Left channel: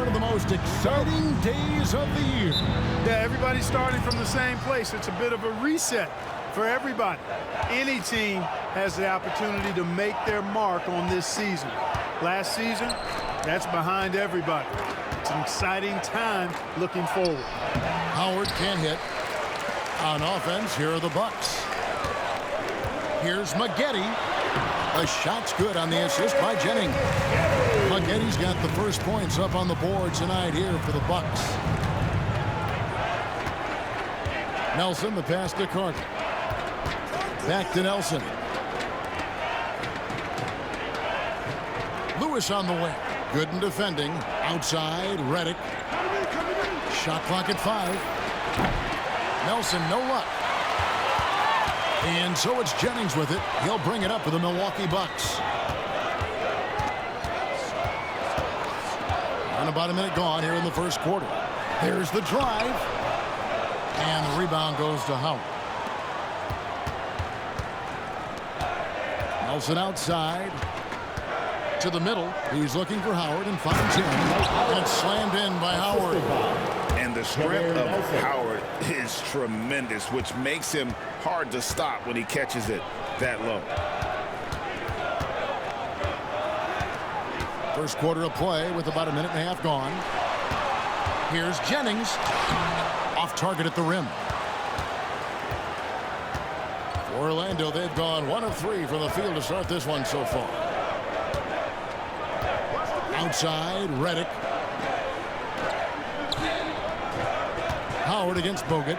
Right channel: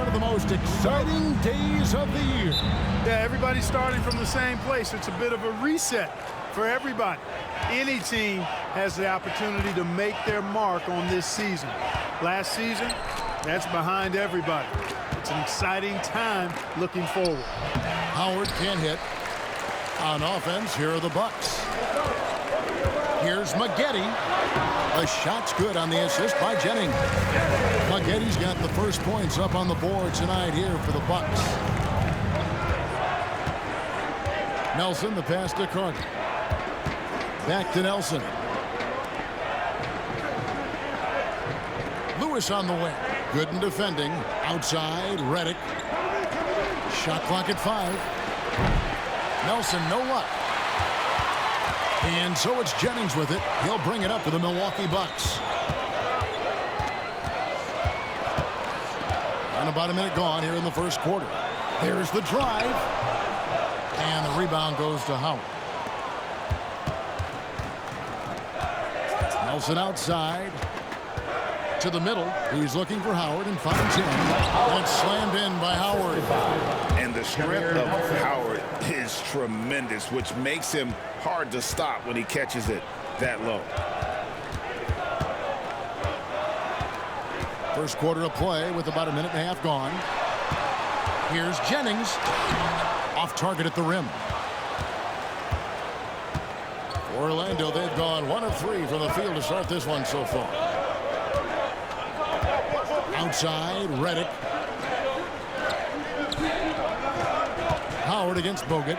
one of the most exciting days of the year. Yeah, everybody's starting from the same place. It's a bit of a reset for everybody. Any team has the opportunity to make their mark on this season. Last season, that's behind everybody. It's an exciting time looking forward. Howard can't hit. On offense, here are the Bucks. Here's Maggette. The shot's good on the assist by Jennings. Maggetti's got the first points up on the board tonight here for the Bucks. Nelson, the pass to Carter. Back to Nelson. Lewis on the wing. Good in defending. Outside, Redick. Shot clock at 5. Nelson, no luck. And so it's Jennings with it. He'll bring it up for the Milwaukee Bucks. And about a minute gone here in the first quarter. There's the drive. And the rebound goes to Howard. Nelson outside. To the middle. He's looking for Howard and finds him. And it's slammed in by Howard. And the strength of Howard is tremendous, which makes him hard to stop when he catches it that low. First quarter of play with about a minute and a half gone. Here's Jennings. Off target at the rim. For Orlando, they've gone 1 of 3 from the field to start this one so far. Outside, Redick. Howard against Bogut.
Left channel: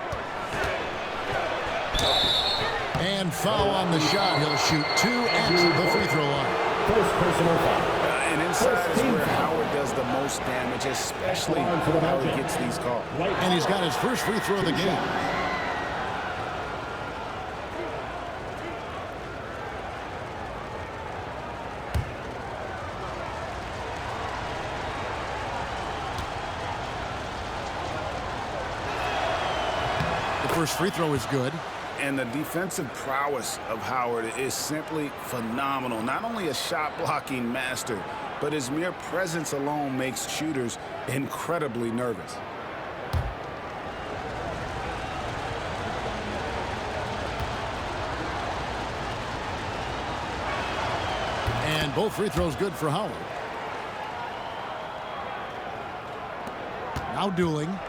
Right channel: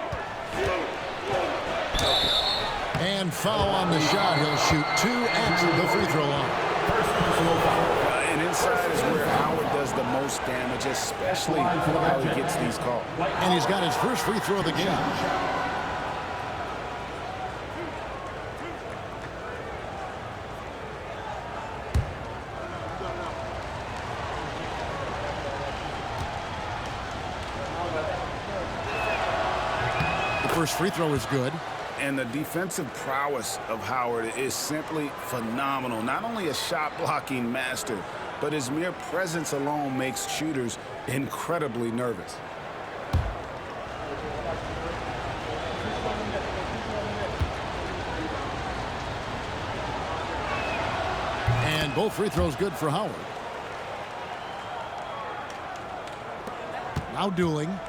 And foul on the shot. He'll shoot 2 at the free throw line. First personal foul. And inside is where Howard does the most damage, especially how he gets these calls. And he's got his first free throw of the game. The first free throw is good. And the defensive prowess of Howard is simply phenomenal. Not only a shot-blocking master, but his mere presence alone makes shooters incredibly nervous. And both free throws good for Howard. Now dueling.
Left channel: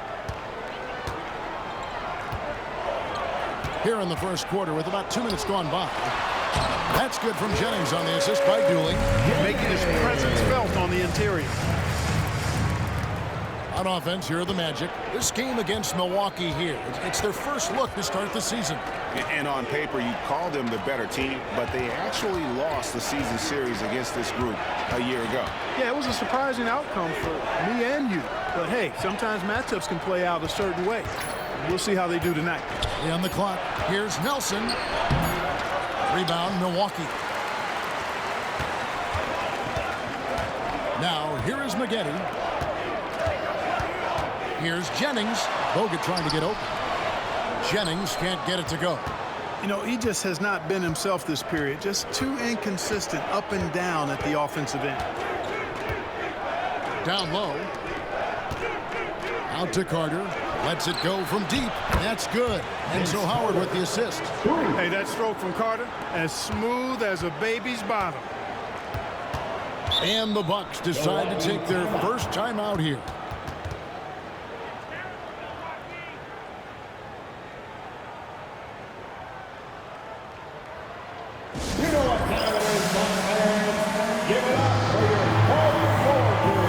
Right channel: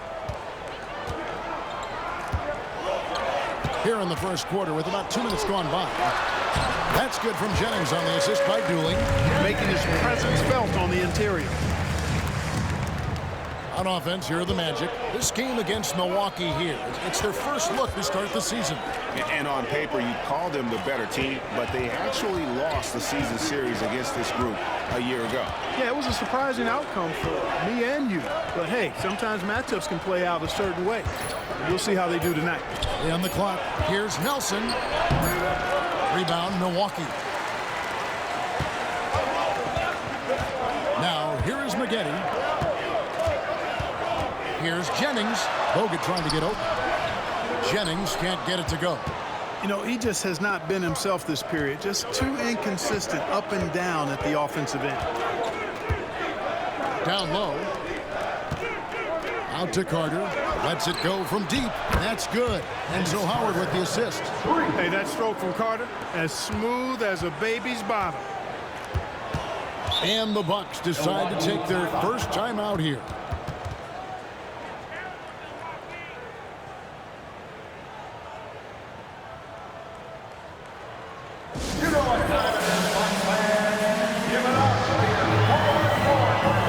Here in the first quarter with about 2 minutes gone by. That's good from Jennings on the assist by Dooling. Making his presence felt on the interior. On offense, here are the Magic. This game against Milwaukee here, it's their first look to start the season. And on paper, you'd call them the better team, but they actually lost the season series against this group a year ago. Yeah, it was a surprising outcome for me and you. But hey, sometimes matchups can play out a certain way. We'll see how they do tonight. On the clock, here's Nelson. Rebound, Milwaukee. Now, here is Maggette. Here's Jennings. Bogut trying to get open. Jennings can't get it to go. You know, he just has not been himself this period. Just too inconsistent up and down at the offensive end. Down low. Out to Carter. Lets it go from deep. That's good. And so Howard with the assist. Hey, that stroke from Carter, as smooth as a baby's bottom. And the Bucks decide to take their first time out here. You know what time it is, Bucks fans. Give it up for your forward crew.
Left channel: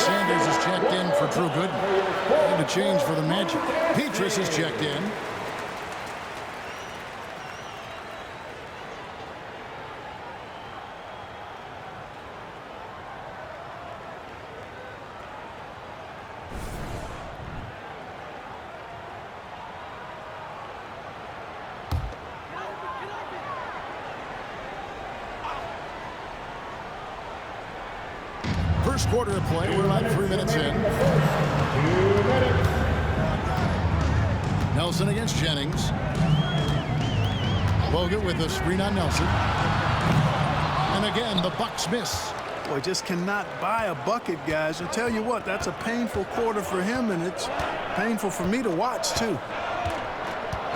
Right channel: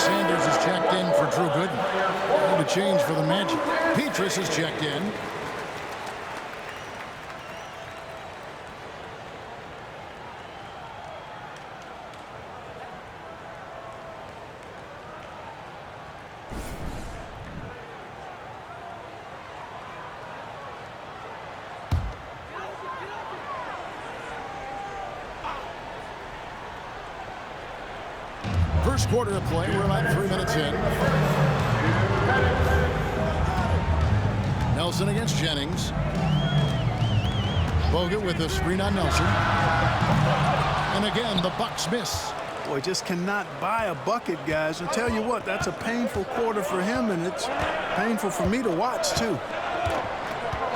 Sanders is checked in for Drew Gooden. And a change for the Magic. Petrus is checked in. First quarter of play. We're about 3 minutes in. Nelson against Jennings. Bogut with a screen on Nelson. And again, the Bucks miss. Boy, just cannot buy a bucket, guys. I'll tell you what, that's a painful quarter for him, and it's painful for me to watch, too.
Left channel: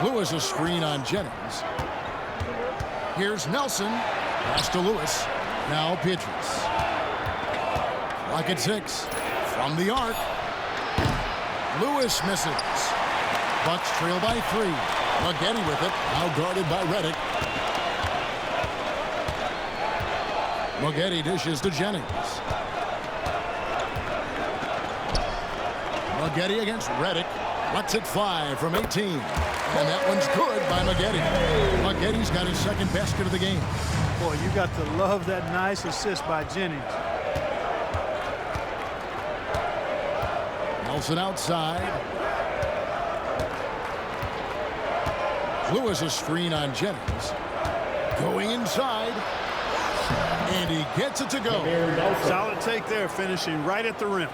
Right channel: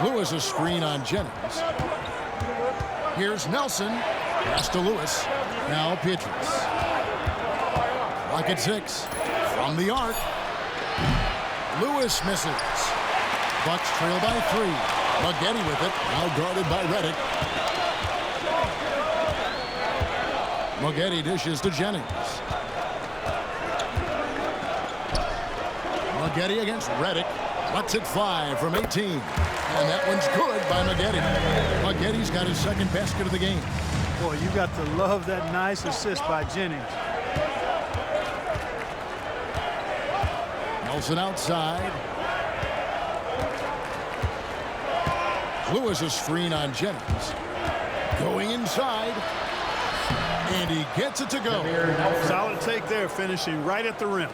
Lewis a screen on Jennings. Here's Nelson. Pass to Lewis. Now Petrus. Clock at 6. From the arc. Lewis misses. Bucks trail by 3. Maggette with it. Now guarded by Redick. Maggette dishes to Jennings. Maggette against Redick. Lets it fly from 18. And that one's good by Maggette. Maggette's got his second basket of the game. Boy, you got to love that nice assist by Jennings. Nelson outside. Lewis a screen on Jennings. Going inside. And he gets it to go. Solid take there, finishing right at the rim.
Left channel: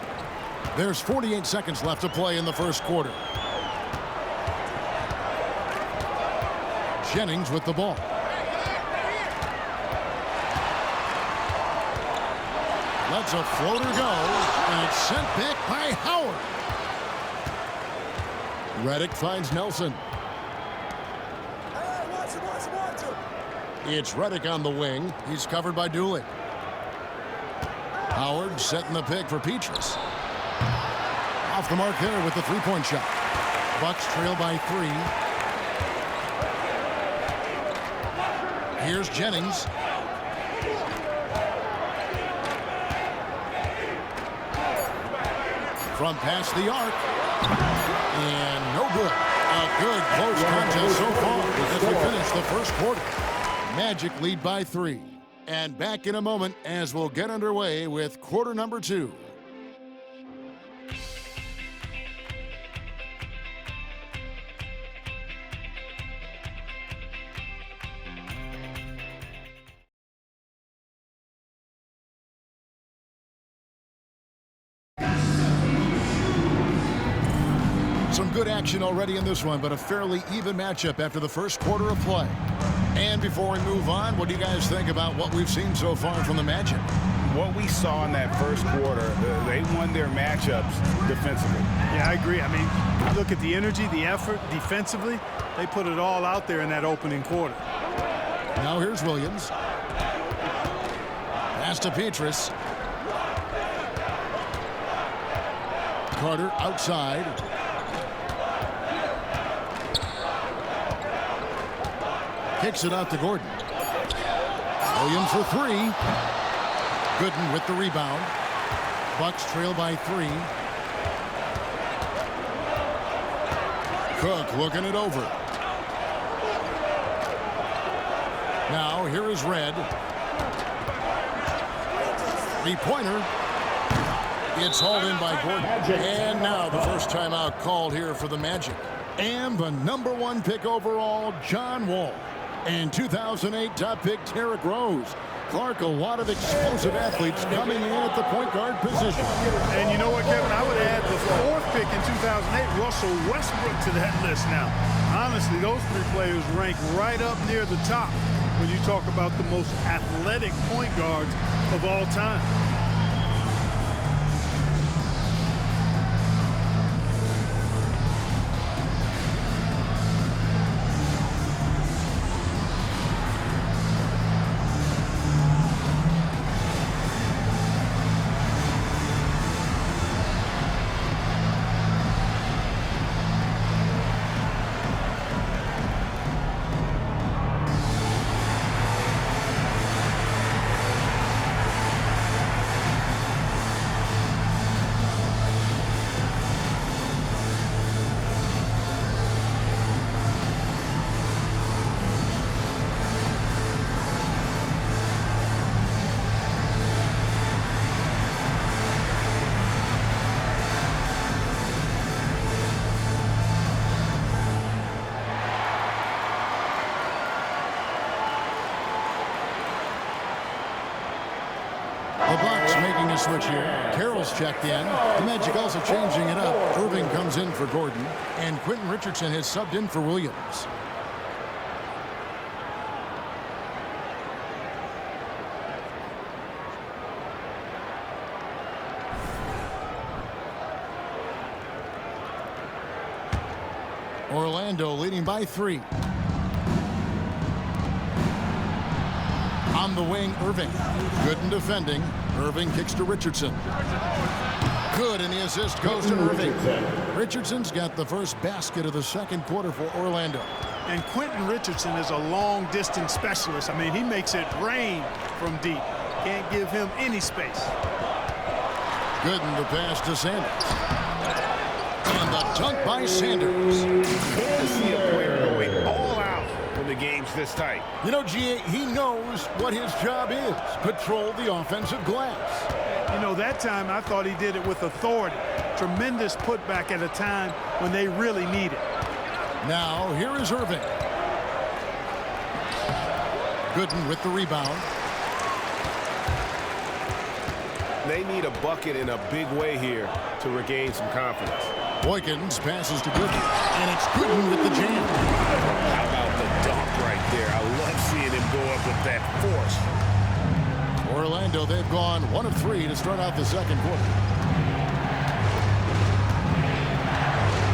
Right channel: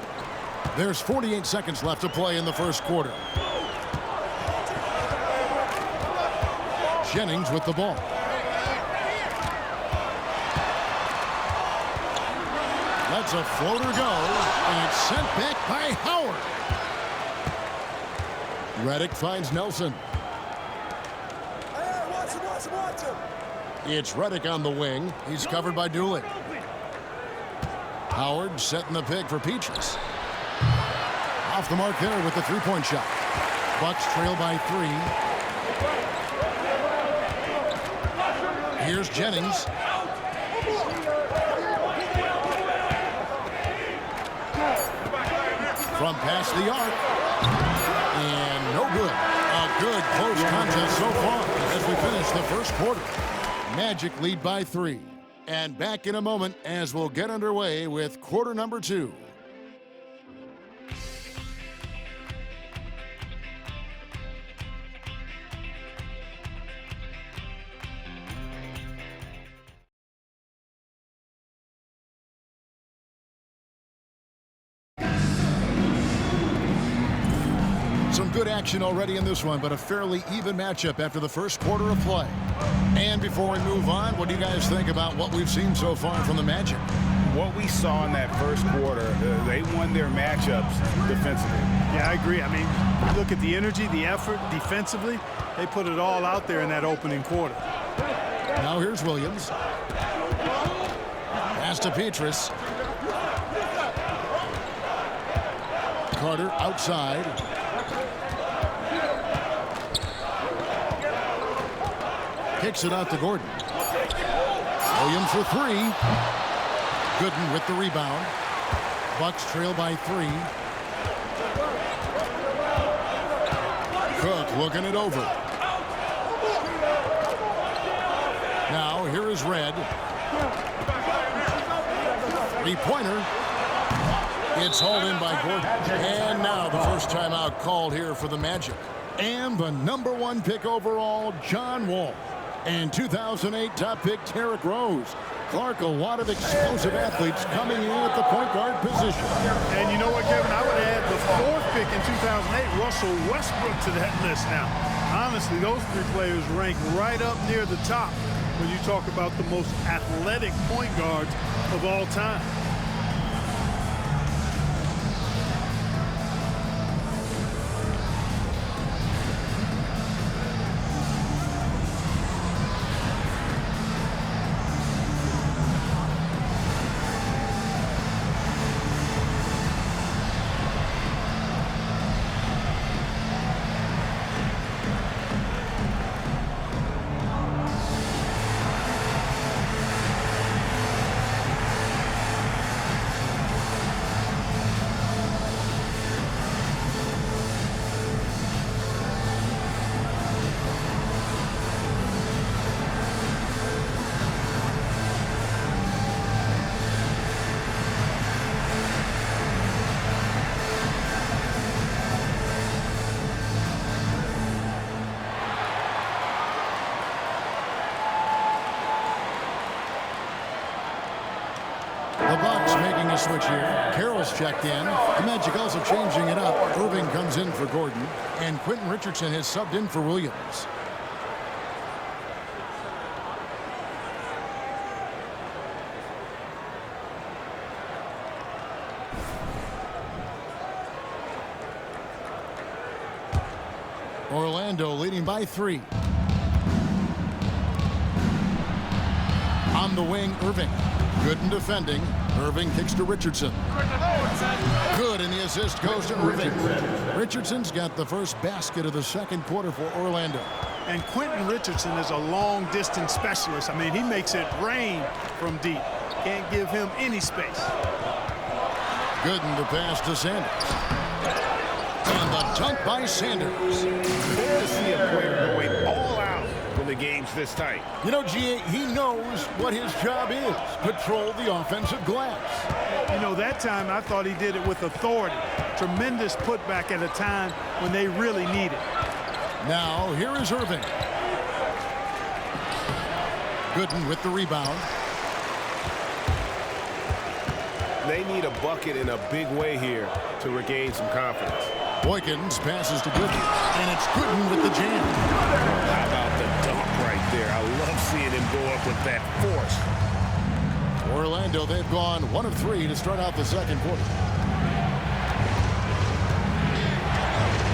There's 48 seconds left to play in the first quarter. Jennings with the ball. Lets a floater go, and it's sent back by Howard. Redick finds Nelson. Hey, watch him. It's Redick on the wing. He's covered by Dooley. Howard setting the pick for Petrus. Off the mark there with the three-point shot. Bucks trail by 3. Here's Jennings. From past the arc. And no good. A good close contest so far as we finish the first quarter. Magic lead by 3. And back in a moment as we'll get underway with quarter number 2. Some good action already in this one, but a fairly even matchup after the first quarter of play. And before we move on, what do you guys think about what we've seen so far from the Magic? What we saw in that first quarter, they won their matchups defensively. Yeah, I agree. I mean, you look at the energy, the effort defensively, they put it all out there in that opening quarter. Now here's Williams. Pass to Petrus. Carter outside. Kicks it out to Gordon. Williams for 3. Gooden with the rebound. Bucks trail by 3. Cook looking it over. Now here is Red. Three-pointer. It's hauled in by Gordon. And now the first timeout called here for the Magic. And the #1 pick overall, John Wall. And 2008 top pick, Derrick Rose. Clark, a lot of explosive athletes coming in at the point guard position. And you know what, Kevin? I would add the 4th pick in 2008, Russell Westbrook, to that list now. Honestly, those 3 players rank right up near the top when you talk about the most athletic point guards of all time. Bucks making a switch here. Carroll's checked in. The Magic also changing it up. Irving comes in for Gordon. And Quentin Richardson has subbed in for Williams. Orlando leading by 3. On the wing, Irving. Good in defending. Irving kicks to Richardson. Good, and the assist goes to Irving. Richardson's got the first basket of the second quarter for Orlando. And Quentin Richardson is a long-distance specialist. I mean, he makes it rain from deep. Can't give him any space. Good in the pass to Sanders. And the dunk by Sanders. Good to see a player going all out when the game's this tight. You know, G.A., he knows what his job is. Patrol the offensive glass. You know, that time I thought he did it with authority. Tremendous putback at a time when they really need it. Now, here is Irving. Gooden with the rebound. They need a bucket in a big way here to regain some confidence. Boykins passes to Gooden, and it's Gooden with the jam. How about the dunk right there? I love seeing him go up with that force. Orlando, they've gone 1 of 3 to start out the second quarter.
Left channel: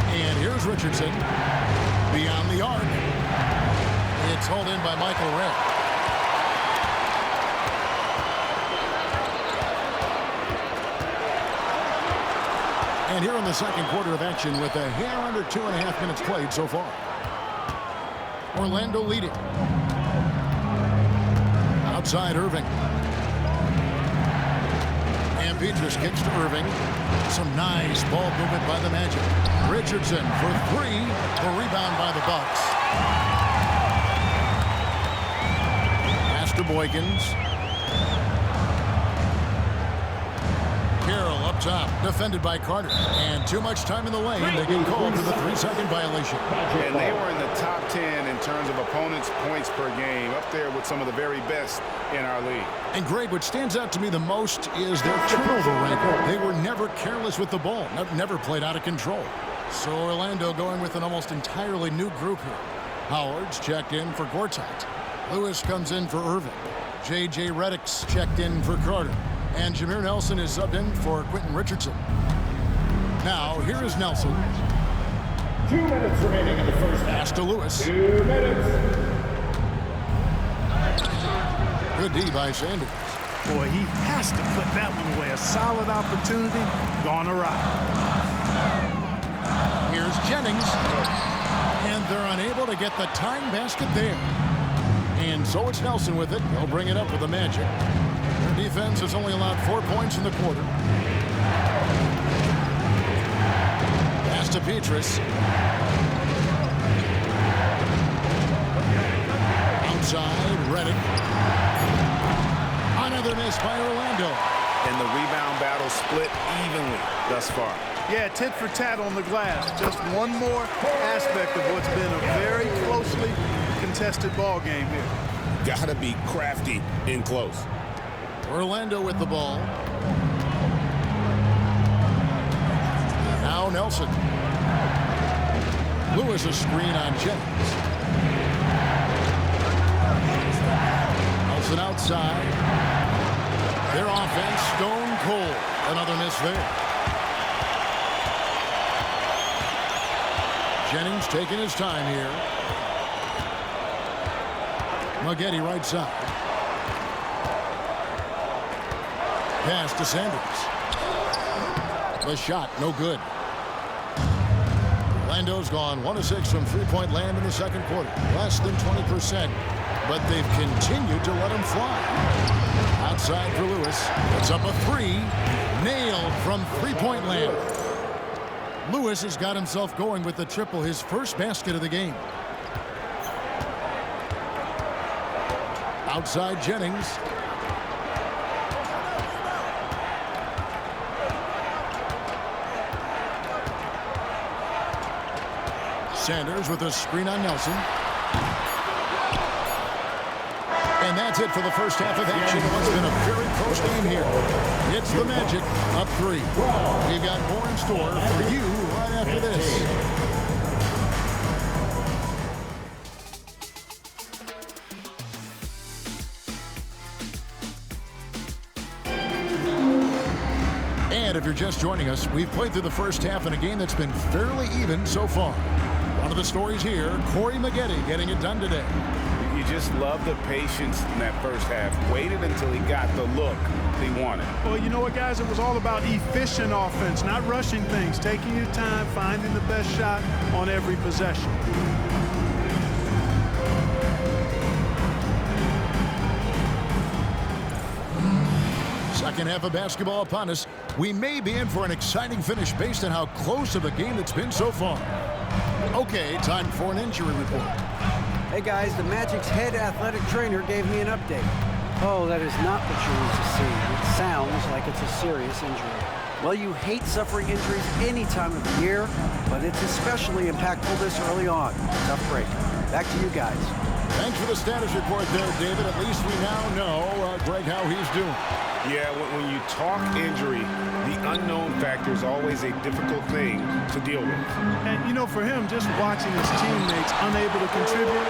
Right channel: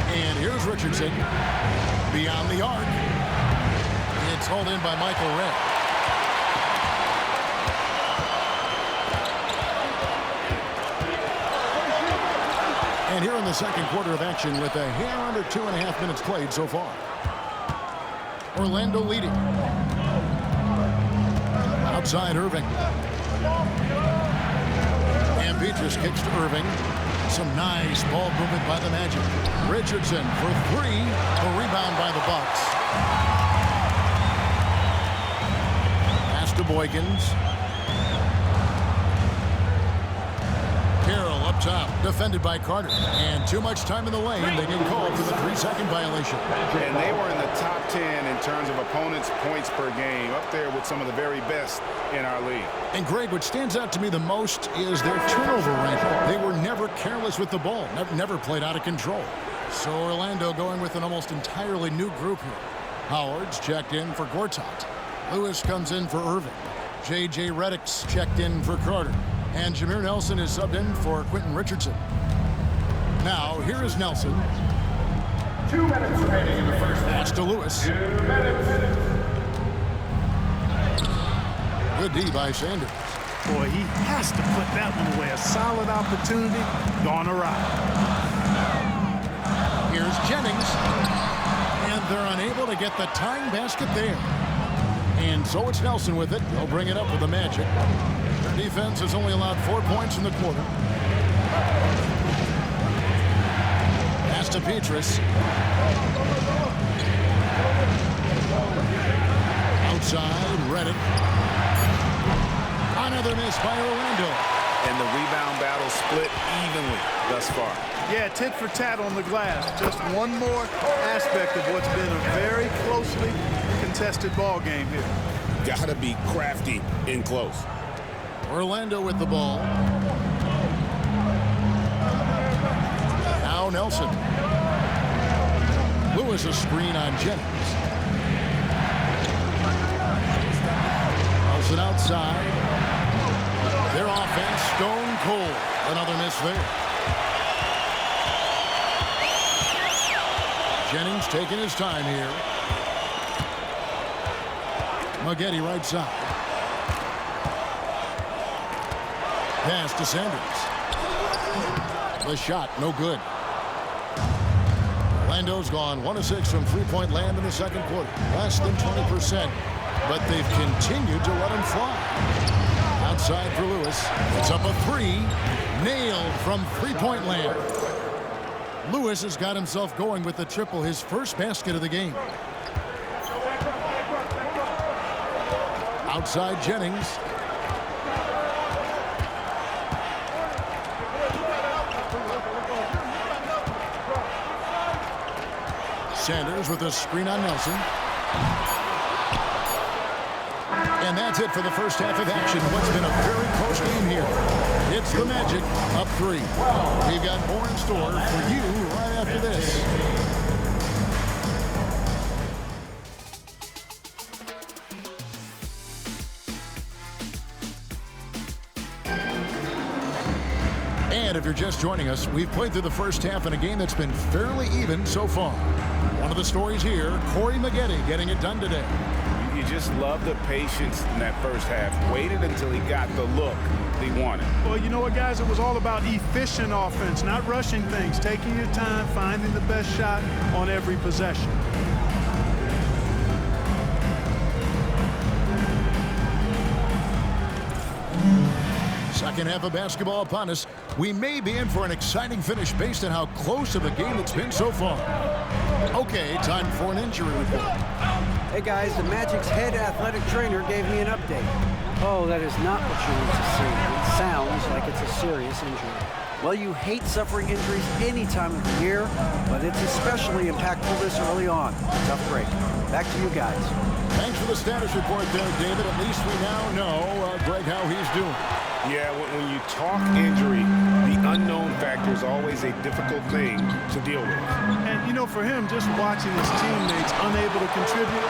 And here's Richardson. Beyond the arc. It's hauled in by Michael Redd. And here in the second quarter of action with a hair under 2.5 minutes played so far. Orlando leading. Outside Irving. And Petrus kicks to Irving. Some nice ball movement by the Magic. Richardson for 3. The rebound by the Bucks. Pass to Boykins. Carroll up top, defended by Carter. And too much time in the lane. They get called for the 3-second violation. And they were in the top 10 in terms of opponents' points per game, up there with some of the very best in our league. And Greg, what stands out to me the most is their turnover ranking. They were never careless with the ball, never played out of control. So Orlando going with an almost entirely new group here. Howard's checked in for Gortat. Lewis comes in for Irving. J.J. Redick's checked in for Carter. And Jameer Nelson is subbed in for Quentin Richardson. Now, here is Nelson. 2 minutes remaining in the first half. Pass to Lewis. 2 minutes. Good D by Sanders. Boy, he has to put that one away. A solid opportunity gone awry. Here's Jennings. And they're unable to get the tying basket there. And so it's Nelson with it. They'll bring it up with the Magic. Their defense has only allowed 4 points in the quarter. Pass to Petrus. Outside, Redick. Another miss by Orlando. And the rebound battle split evenly thus far. Yeah, tit for tat on the glass. Just one more aspect of what's been a very closely contested ball game here. Gotta be crafty in close. Orlando with the ball. Now Nelson. Lewis a screen on Jennings. Nelson outside. Their offense stone cold. Another miss there. Jennings taking his time here. Maggette right side. Pass to Sanders. The shot, no good. Orlando's gone 1 of 6 from three-point land in the second quarter. Less than 20%, but they've continued to let him fly. Outside for Lewis. It's up a 3. Nailed from three-point land. Lewis has got himself going with the triple, his first basket of the game. Outside Jennings. Sanders with a screen on Nelson. And that's it for the first half of action. What's been a very close game here. It's the Magic up 3. We've got more in store for you right after this. And if you're just joining us, we've played through the first half in a game that's been fairly even so far. One of the stories here, Corey Maggette getting it done today. You just love the patience in that first half. Waited until he got the look he wanted. Well, you know what, guys? It was all about efficient offense, not rushing things, taking your time, finding the best shot on every possession. Second half of basketball upon us. We may be in for an exciting finish based on how close of a game it's been so far. Okay, time for an injury report. Hey guys, the Magic's head athletic trainer gave me an update. Oh, that is not what you want to see. It sounds like it's a serious injury. Well, you hate suffering injuries any time of the year, but it's especially impactful this early on. Tough break. Back to you guys. Thanks for the status report there, David. At least we now know, Greg, how he's doing. Yeah, when you talk injury, the unknown factor is always a difficult thing to deal with. And, you know, for him, just watching his teammates unable to contribute,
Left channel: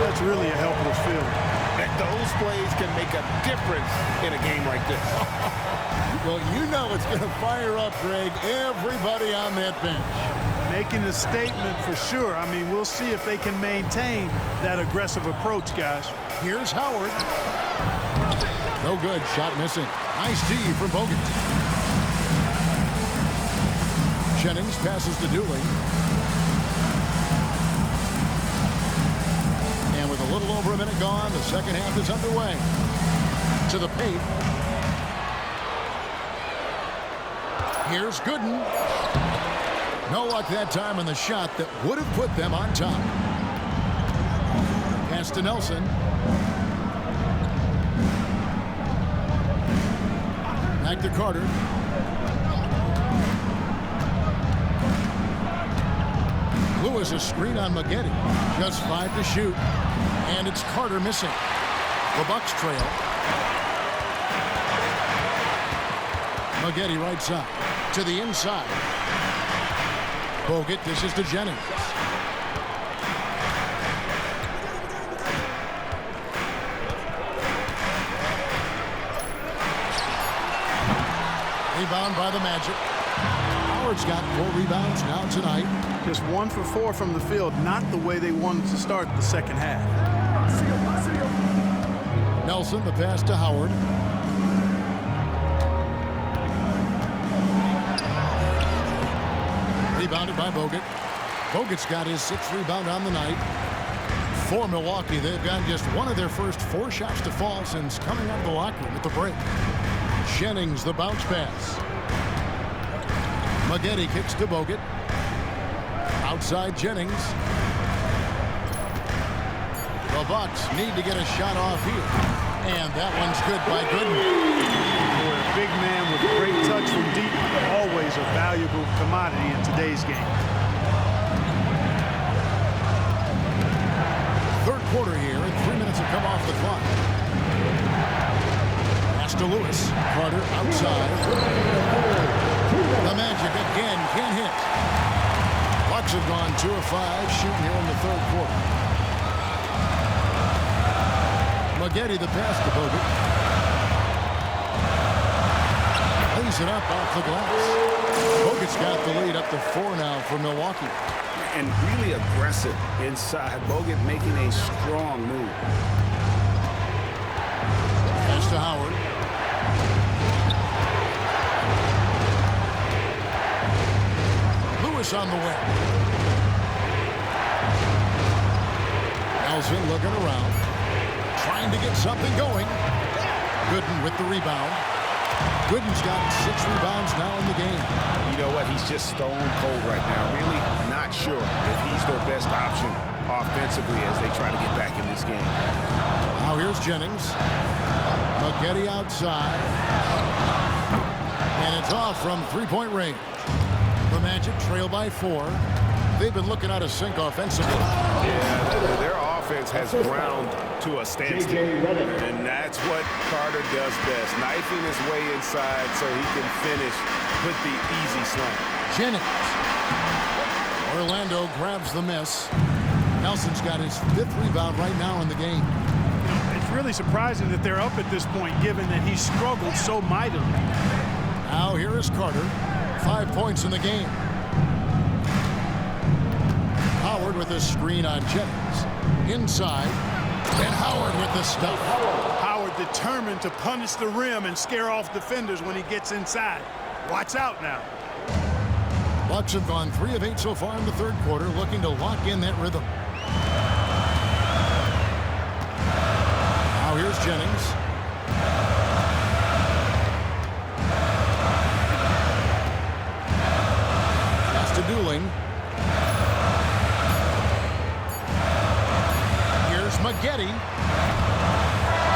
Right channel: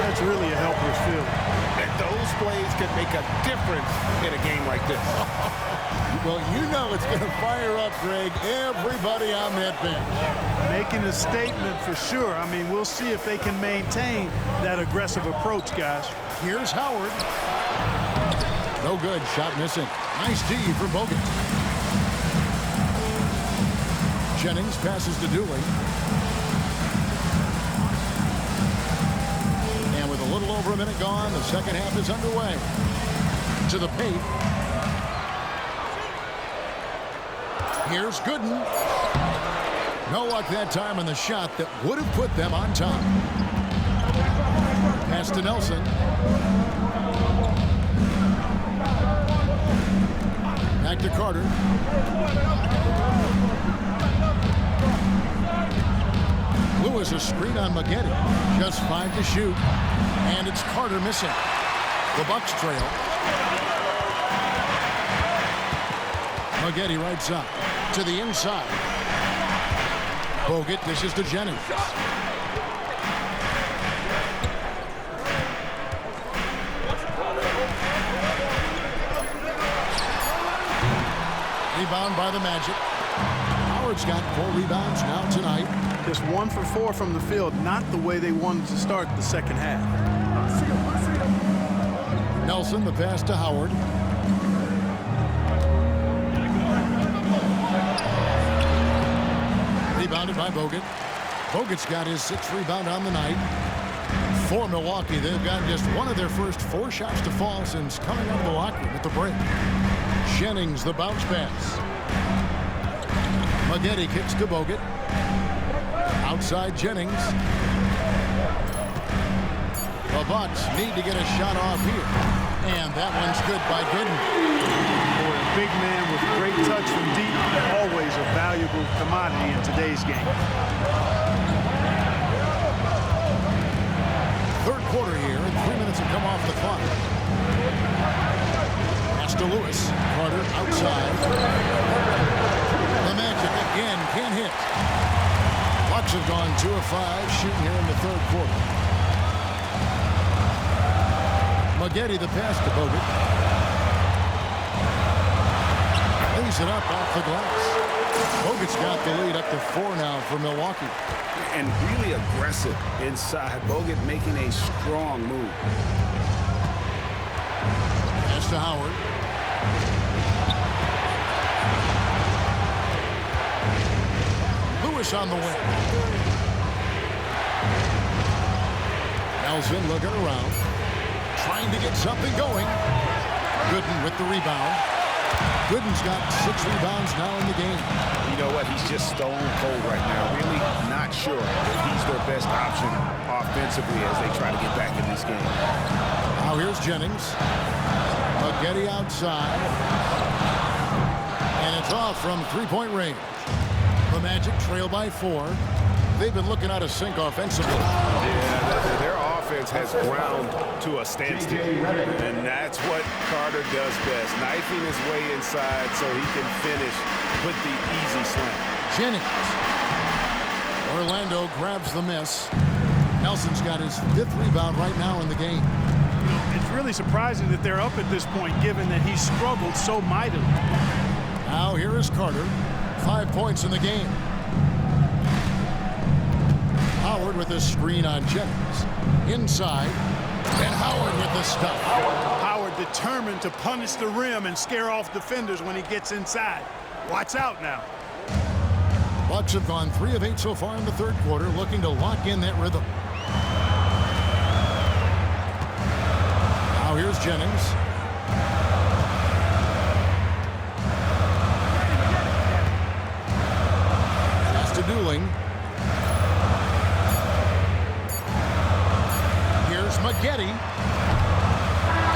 that's really a helpless feeling. And those plays can make a difference in a game like this. Well, you know it's going to fire up, Greg, everybody on that bench. Making a statement for sure. I mean, we'll see if they can maintain that aggressive approach, guys. Here's Howard. No good. Shot missing. Nice D from Bogut. Jennings passes to Dooley. And with a little over a minute gone, the second half is underway. To the paint. Here's Gooden. No luck that time on the shot that would have put them on top. Pass to Nelson. Back to Carter. Lewis a screen on Maggette. Just 5 to shoot. And it's Carter missing. The Bucks trail. Maggette right side. To the inside. Bogut dishes to Jennings. Rebound by the Magic. Howard's got 4 rebounds now tonight. Just 1 for 4 from the field, not the way they wanted to start the second half. Nelson, the pass to Howard. Rebounded by Bogut. Bogut's got his 6th rebound on the night. For Milwaukee, they've gotten just one of their first 4 shots to fall since coming out of the locker room at the break. Jennings, the bounce pass. Maggette kicks to Bogut. Outside Jennings. The Bucks need to get a shot off here. And that one's good by Gooden. Boy, a big man with a great touch from deep, always a valuable commodity in today's game. Third quarter here, and 3 minutes have come off the clock. Pass to Lewis. Carter outside. The Magic again can't hit. Bucks have gone 2 of 5 shooting here in the third quarter. Maggette the pass to Bogut. Lays it up off the glass. Bogut's got the lead up to 4 now for Milwaukee. And really aggressive inside. Bogut making a strong move. Pass to Howard. Lewis on the wing. Nelson looking around. Trying to get something going. Gooden with the rebound. Gooden's got 6 rebounds now in the game. You know what? He's just stone cold right now. Really not sure if he's their best option offensively as they try to get back in this game. Now here's Jennings. Maggette outside. And it's off from 3-point range. The Magic trail by 4. they've been looking out of sync offensively. Yeah, their offense has ground to a standstill. And that's what Carter does best, knifing his way inside so he can finish with the easy slam. Jennings. Orlando grabs the miss. Nelson's got his 5th rebound right now in the game. You know, it's really surprising that they're up at this point, given that he struggled so mightily. Now here is Carter. 5 points in the game. Howard with a screen on Jennings. Inside. And Howard with the stuff. Howard determined to punish the rim and scare off defenders when he gets inside. Watch out now. Bucks have gone 3 of 8 so far in the 3rd quarter, looking to lock in that rhythm. Now here's Jennings. Pass to Dooling. Here's Maggette.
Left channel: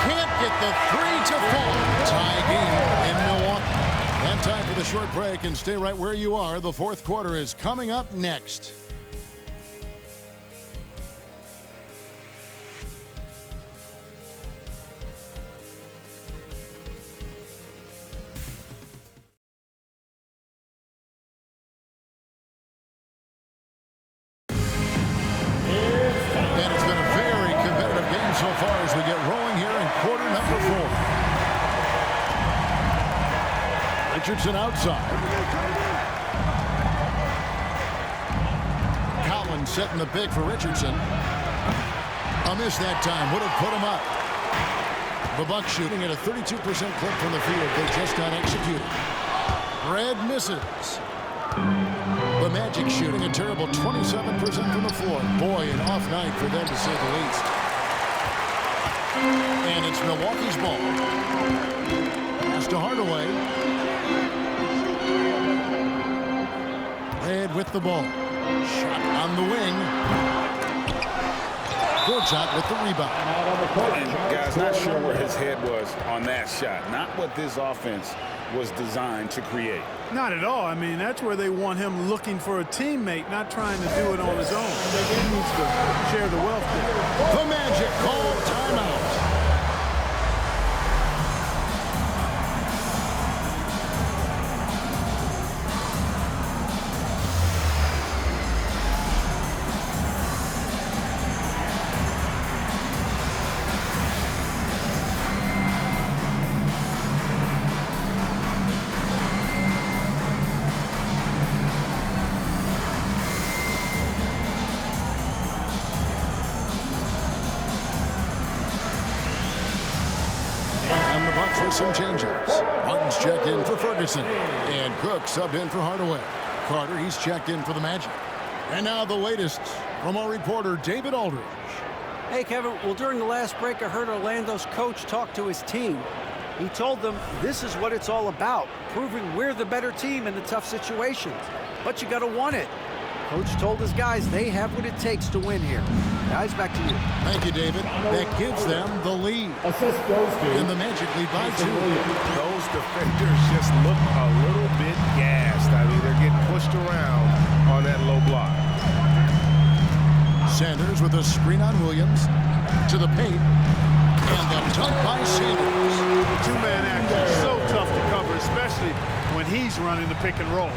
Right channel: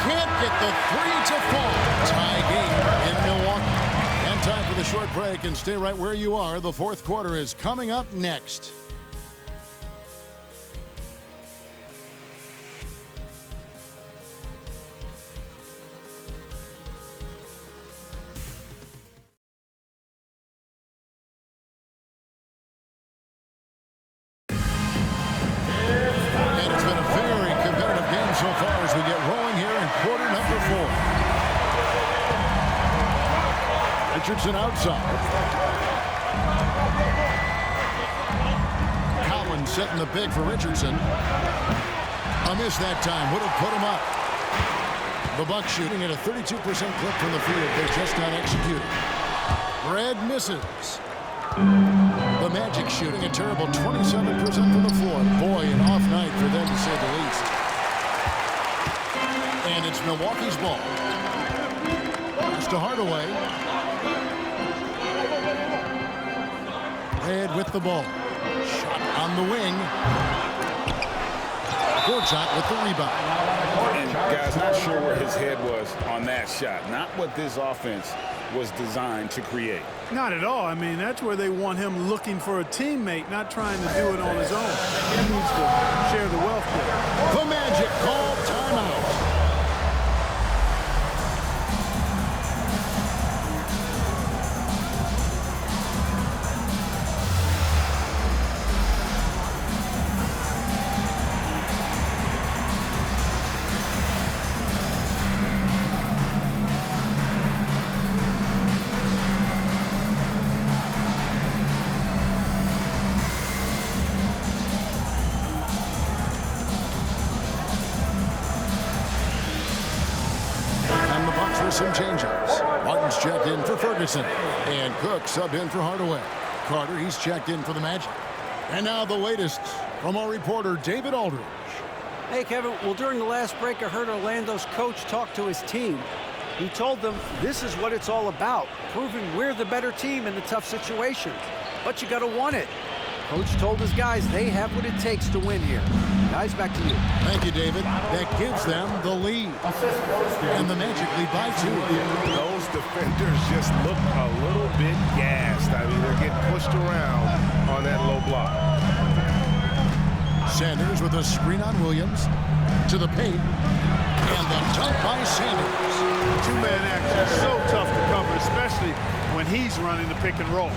Can't get the 3 to fall. Tie game in Milwaukee. And time for the short break, and stay right where you are. The 4th quarter is coming up next. And it's been a very competitive game so far as we get rolling here in quarter number 4. Richardson outside. Collins setting the big for Richardson. A miss that time would have put him up. The Bucks shooting at a 32% clip from the field. They're just not executing. Red misses. The Magic shooting a terrible 27% from the floor. Boy, an off night for them to say the least. And it's Milwaukee's ball. Pass to Hardaway. Red with the ball. Shot on the wing. Gortat with the rebound. And guys, not sure where his head was on that shot. Not what this offense was designed to create. Not at all. I mean, that's where they want him looking for a teammate, not trying to do it on his own. He needs to share the wealth there. The Magic called timeout. For some changes. Martin's checked in for Ferguson. And Cook subbed in for Hardaway. Carter, he's checked in for the Magic. And now the latest from our reporter, David Aldridge. Hey, Kevin. Well, during the last break, I heard Orlando's coach talk to his team. He told them this is what it's all about, proving we're the better team in the tough situations. But you got to want it. Coach told his guys they have what it takes to win here. Guys, back to you. Thank you, David. That gives them the lead. And the Magic lead by 2. Those defenders just look a little bit gassed. I mean, they're getting pushed around on that low block. Sanders with a screen on Williams. To the paint. And the dunk by Sanders. The two-man action is so tough to cover, especially when he's running the pick and roll.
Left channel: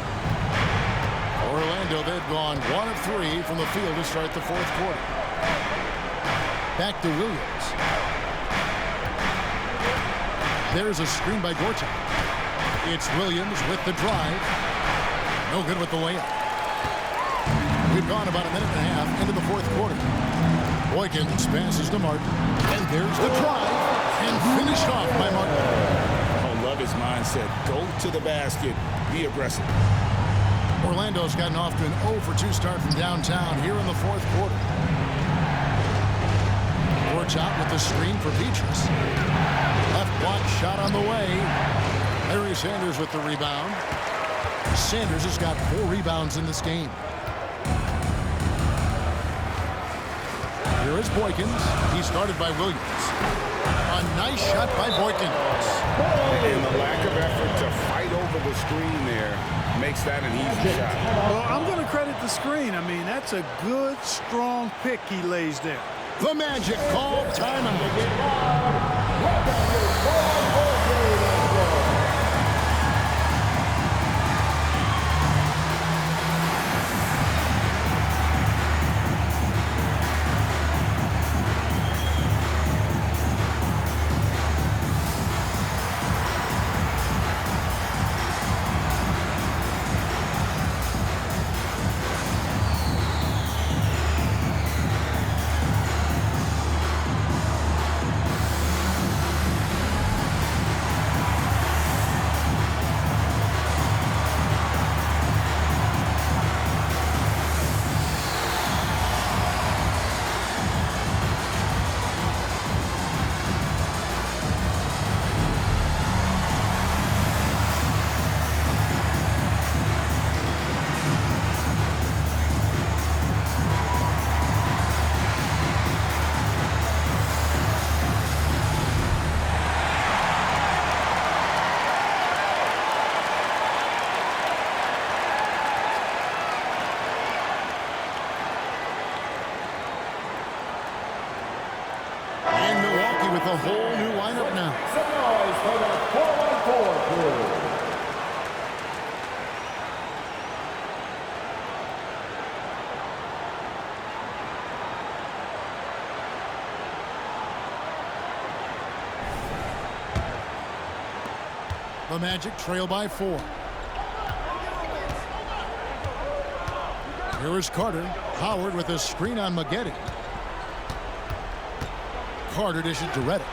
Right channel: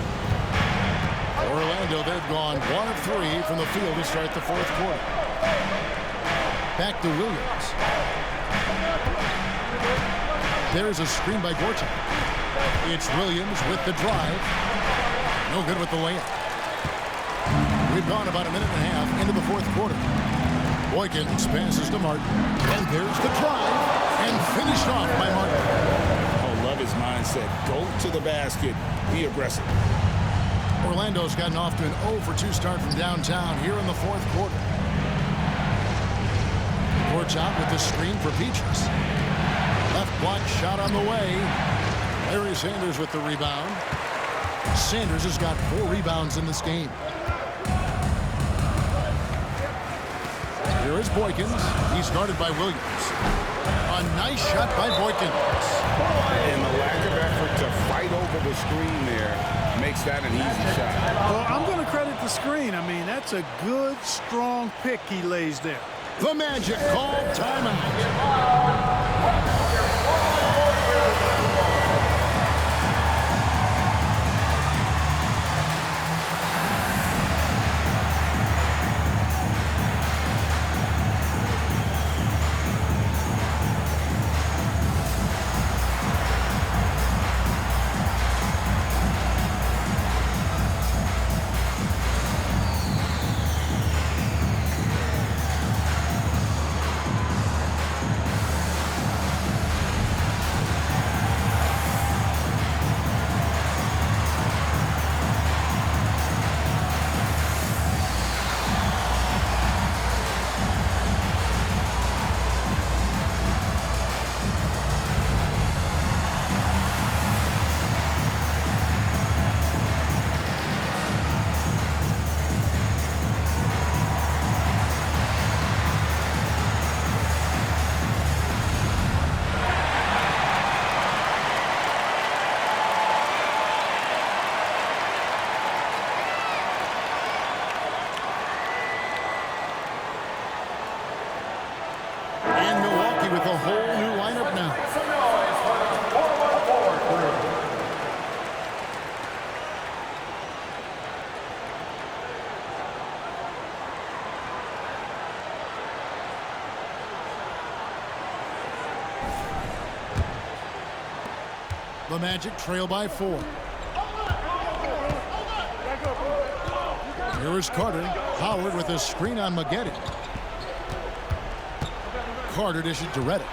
Orlando, they've gone 1 of 3 from the field to start the 4th quarter. Back to Williams. There's a screen by Gortat. It's Williams with the drive. No good with the layup. We've gone about a minute and a half into the 4th quarter. Boykins passes to Martin. And there's the drive. And finished off by Martin. Oh, love his mindset. Go to the basket. Be aggressive. Orlando's gotten off to an 0 for 2 start from downtown here in the 4th quarter. Gortat with the screen for Petrus. Left block shot on the way. Larry Sanders with the rebound. Sanders has got 4 rebounds in this game. Here is Boykins. He's guarded by Williams. A nice shot by Boykins. And the lack of effort to fight over the screen there makes that an easy shot. Well, I'm going to credit the screen. I mean, that's a good, strong pick he lays there. The Magic called timeout. And Milwaukee with a whole new lineup now. Some noise for the 4-on-4 crew. The Magic trail by 4. Here is Carter. Howard with a screen on Maggette. Carter dishes to Reddick.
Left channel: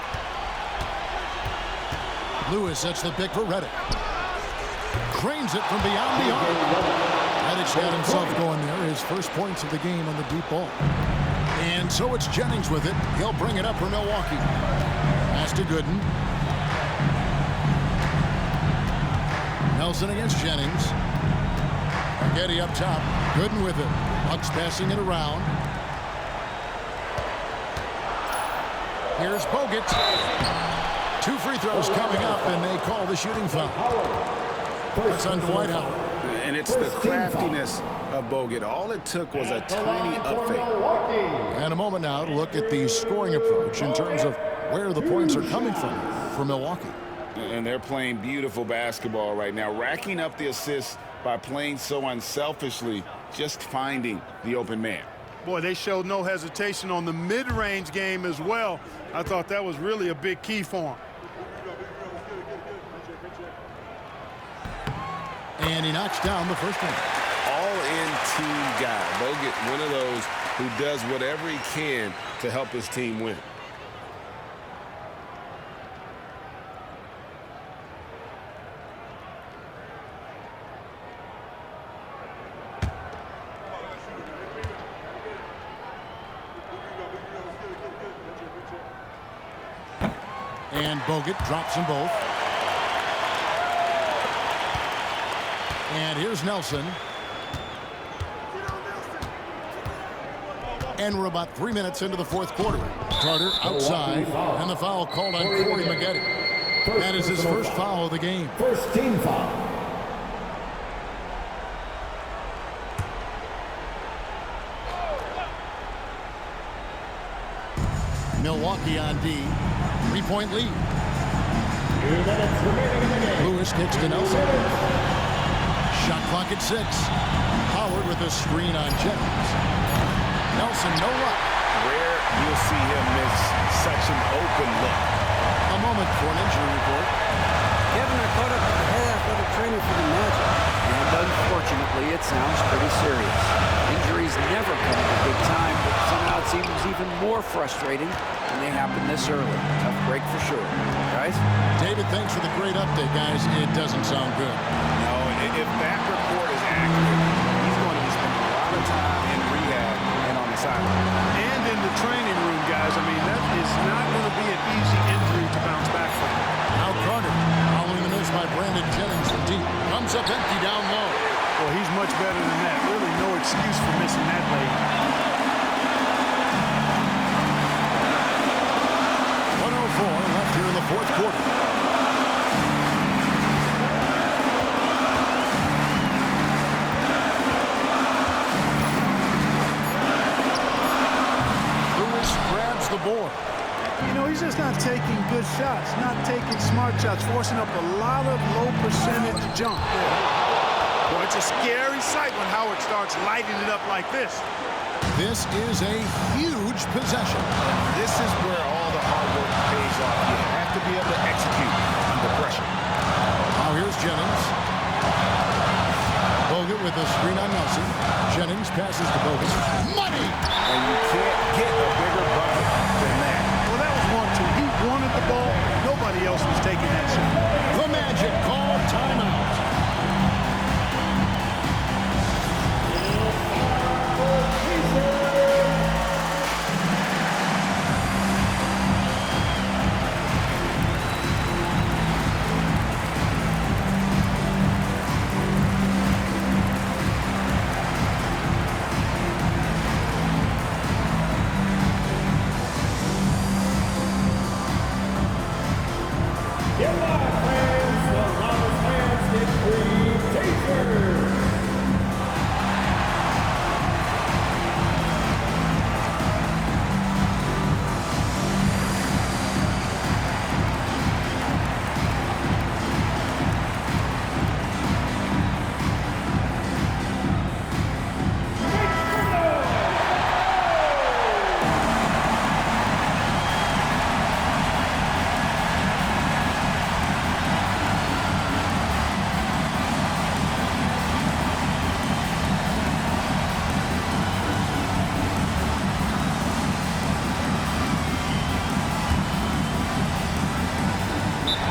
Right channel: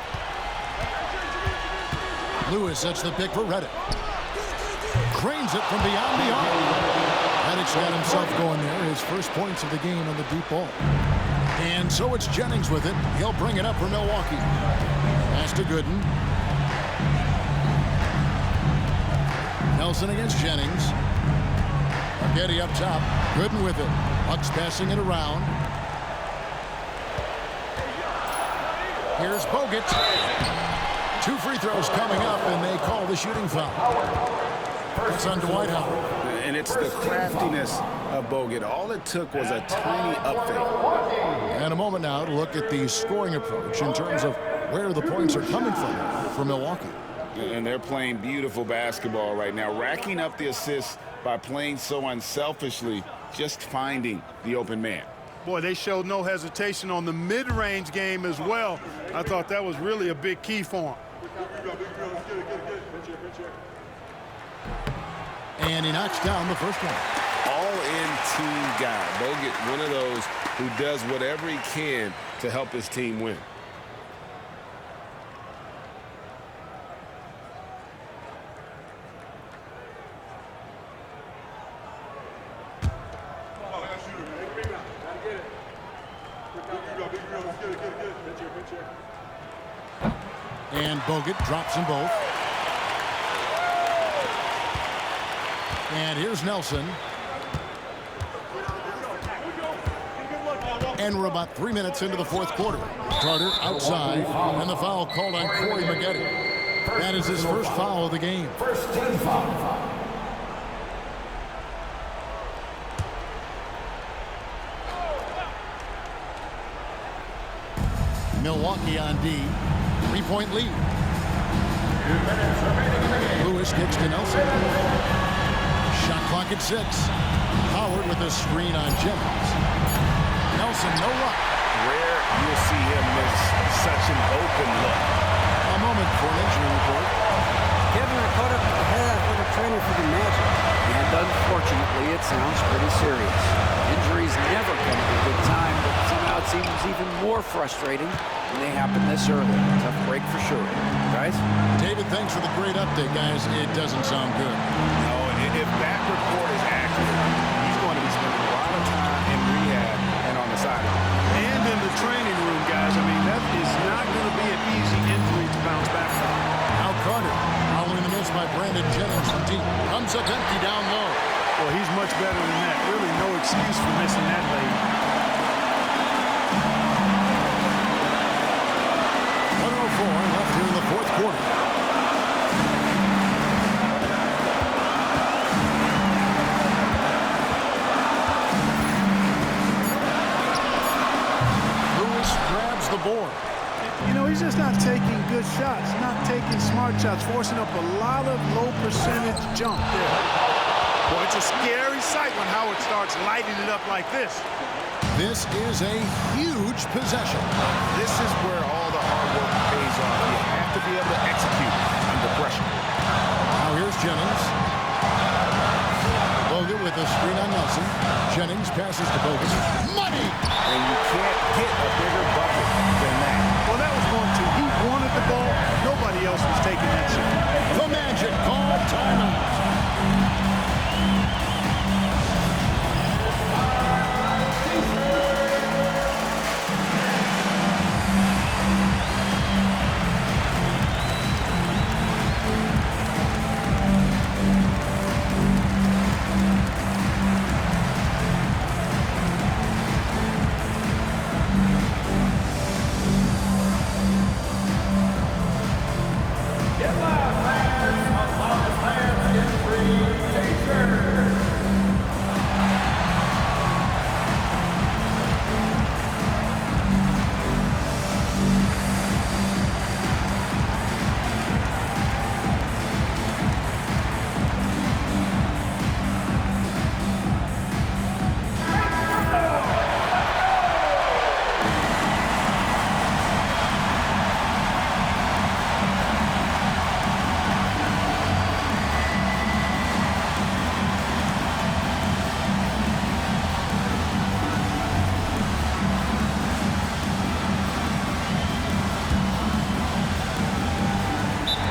Lewis sets the pick for Reddick. Cranes it from beyond the arc. Reddick's got himself going there. His first points of the game on the deep ball. And so it's Jennings with it. He'll bring it up for Milwaukee. Pass to Gooden. Nelson against Jennings. Maggette up top. Gooden with it. Bucks passing it around. Here's Bogut. 2 free throws coming up, and they call the shooting foul. That's on Dwight Howard. And it's the craftiness of Bogut. All it took was a tiny up fake. And a moment now to look at the scoring approach in terms of where the points are coming from for Milwaukee. And they're playing beautiful basketball right now, racking up the assists by playing so unselfishly, just finding the open man. Boy, they showed no hesitation on the mid-range game as well. I thought that was really a big key for him. And he knocks down the first one. All-in team guy. Bogut, one of those who does whatever he can to help his team win. And Bogut drops them both. And here's Nelson. And we're about 3 minutes into the fourth quarter. Carter outside, and the foul called on Corey Maggette. That is his first foul of the game. First team foul. Milwaukee on D. 3-point lead. 2 minutes remaining in the game. Lewis kicks to Nelson. Shot clock at 6. Howard with a screen on Jennings. Nelson, no luck. Rare you'll see him miss such an open look. A moment for an injury report. Kevin, I caught up with the head athletic trainer for the Magic, and unfortunately, it sounds pretty serious. Injuries never come at a good time, but somehow it seems even more frustrating when they happen this early. Tough break for sure. Guys? David, thanks for the great update, guys. It doesn't sound good. No, if that report is accurate, he's going to be spending a lot of time in rehab and on the sideline. And in the training room, guys. I mean, that is not going to be an easy injury to bounce back from. Now Carter, following the miss by Brandon Jennings from deep, comes up empty down low. Well, he's much better than that. Really no excuse for missing that lane. 1:04 left here in the fourth quarter. has the board. You know, he's just not taking good shots, not taking smart shots, forcing up a lot of low percentage jump there. Boy, it's a scary sight when Howard starts lighting it up like this. This is a huge possession. This is where all the hard work pays off. You have to be able to execute under pressure. Now here's Jennings. Bogut with a screen on Nelson. Jennings passes to Bogut. Money! And you can't get a bigger bucket than that. Well, that was 1-2. He wanted the ball. Nobody else was taking that shot. The Magic call timeout.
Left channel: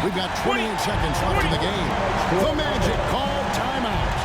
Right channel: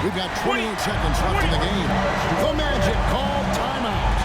We've got 28 seconds left in the game. The Magic call timeout.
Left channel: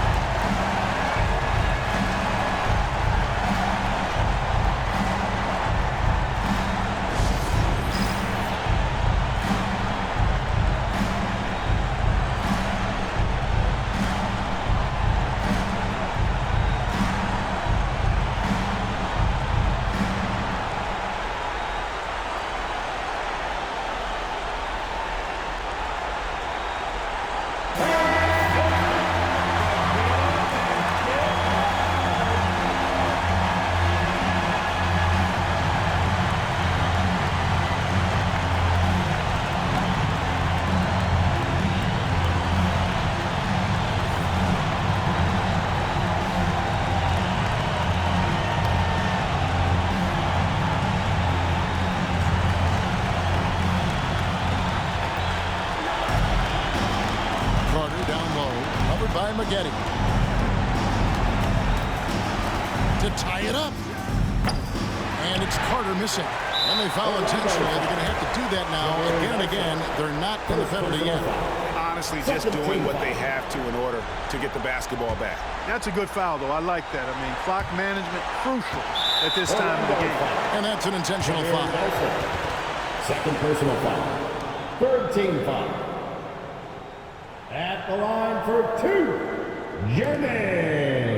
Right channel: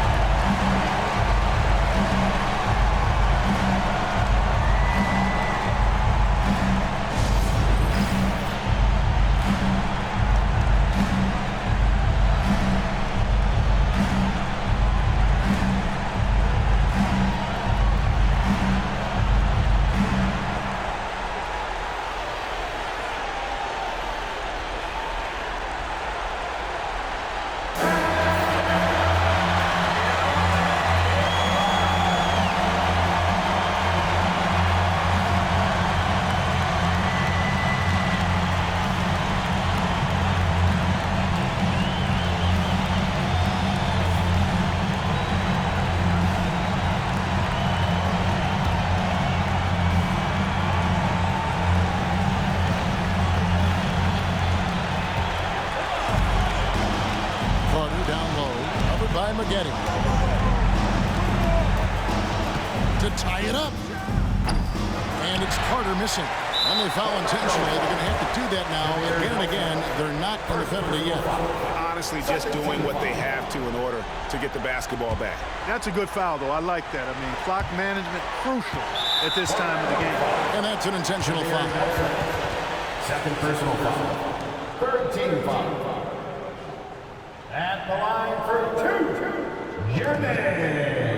Carter down low, covered by Maggette. To tie it up. And it's Carter missing. And they foul intentionally. They're going to have to do that now again and again. They're not in the penalty yet. Honestly, just doing what they have to in order to get the basketball back. That's a good foul, though. I like that. I mean, clock management crucial at this time of the game. And that's an intentional foul. Second personal foul. Third team foul. At the line for two, Jennings.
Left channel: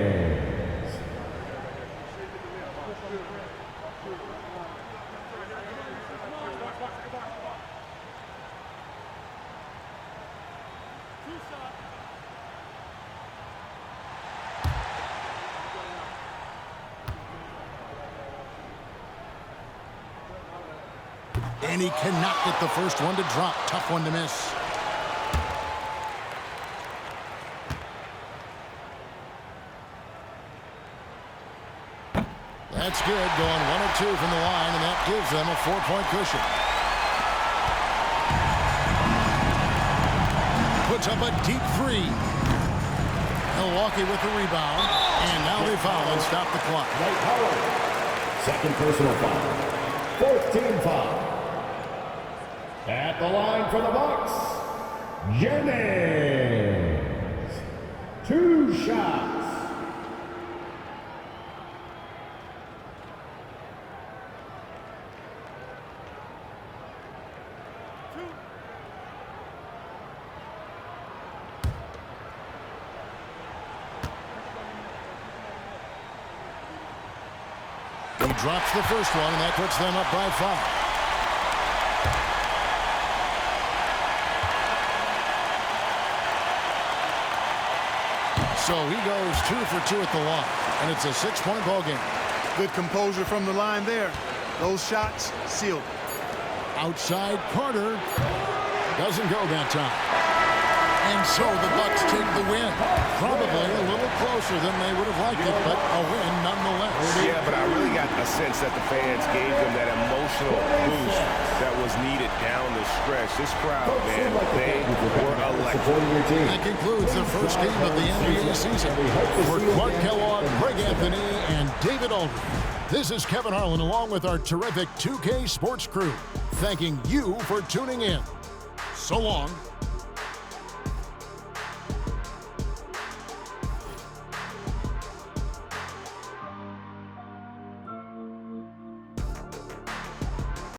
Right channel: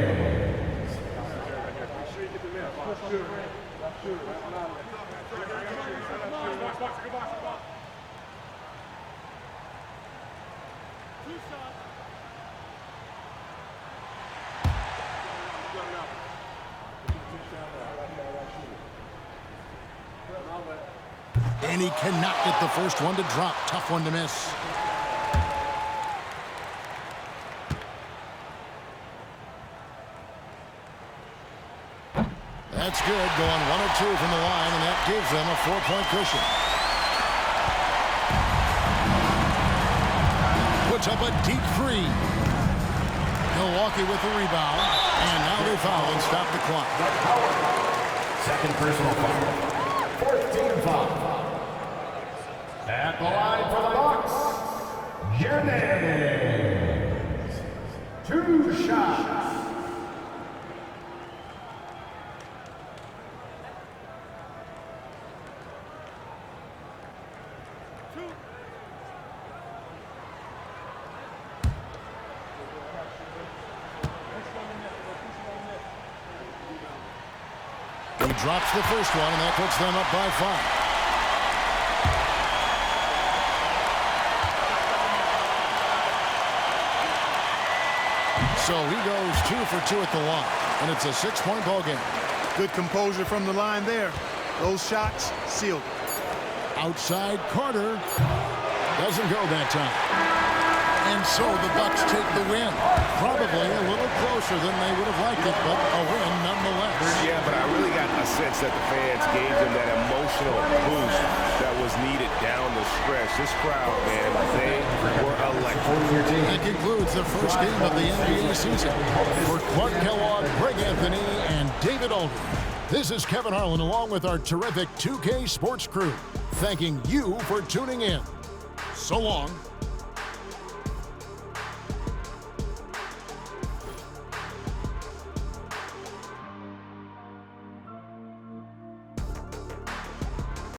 And he cannot get the first one to drop. Tough one to miss. That's good, going 1 of 2 from the line, and that gives them a 4-point cushion. Puts up a deep three. Milwaukee with the rebound, and now they foul and stop the clock. Second personal foul. Fourth team foul. At the line for the Bucks, Jennings. 2 shots. He drops the first one, and that puts them up by 5. So he goes 2 for 2 at the line, and it's a 6-point ball game. Good composure from the line there. Those shots sealed it. Outside corner. Doesn't go that time. And so the Bucks take the win. Probably a little closer than they would have liked it, but a win nonetheless. Yeah, but I really got a sense that the fans gave them that emotional boost that was needed down the stretch. This crowd, man, they were electric. That concludes the first game of the NBA season. For Clark Kellogg, Greg Anthony, and David Aldridge, this is Kevin Harlan along with our terrific 2K Sports crew, thanking you for tuning in. So long.